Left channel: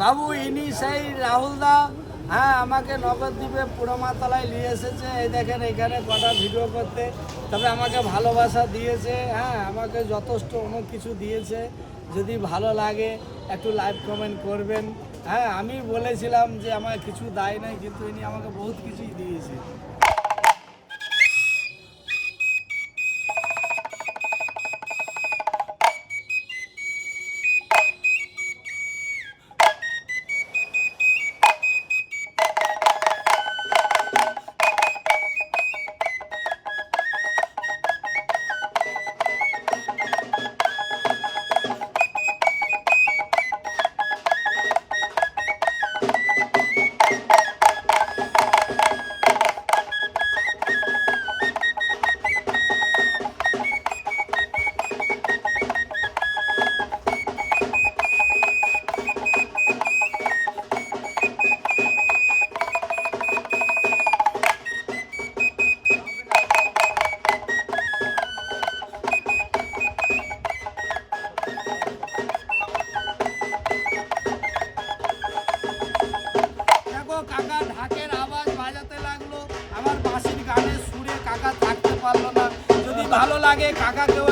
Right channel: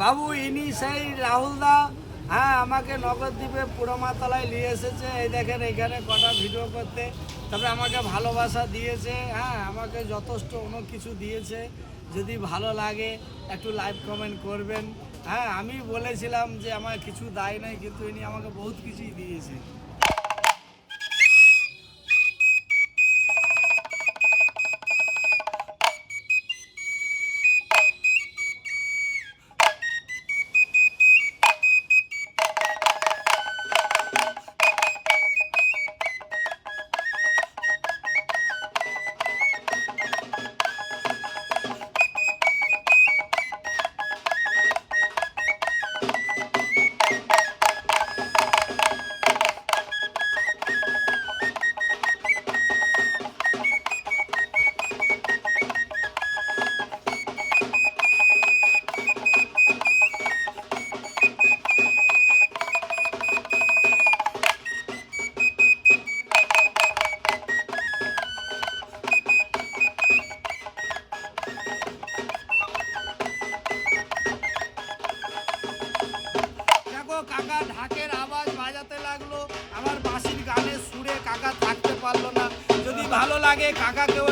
বাবু ইনি সেই রাহুল দা। হ্যাঁ, আমাকে নগরদ্বীপে পুরমাতলায় নিয়ে এসেছে। এই দেখেন এখানে কটা ভিডিও করতে। তবে আমাকে ভালোবাসা দিয়েছে, হ্যাঁ আমাকে যথেষ্ট অনেক কিছু দিয়েছে। যদি ভালো লাগে একটু লাইক কমেন্ট করবেন। হ্যাঁ, আমি বলেছিলাম যে আমার কিছু দায় নাই, কিন্তু ইনি আমাকে বহুত কিছুই দিয়েছে। কাকা ঢাকের আওয়াজ বাজাতে লাগলো, আমার বাঁশির গানের সুরে কাকা থাকতে পারলো না। যদি ভালো লাগে কাকাকেও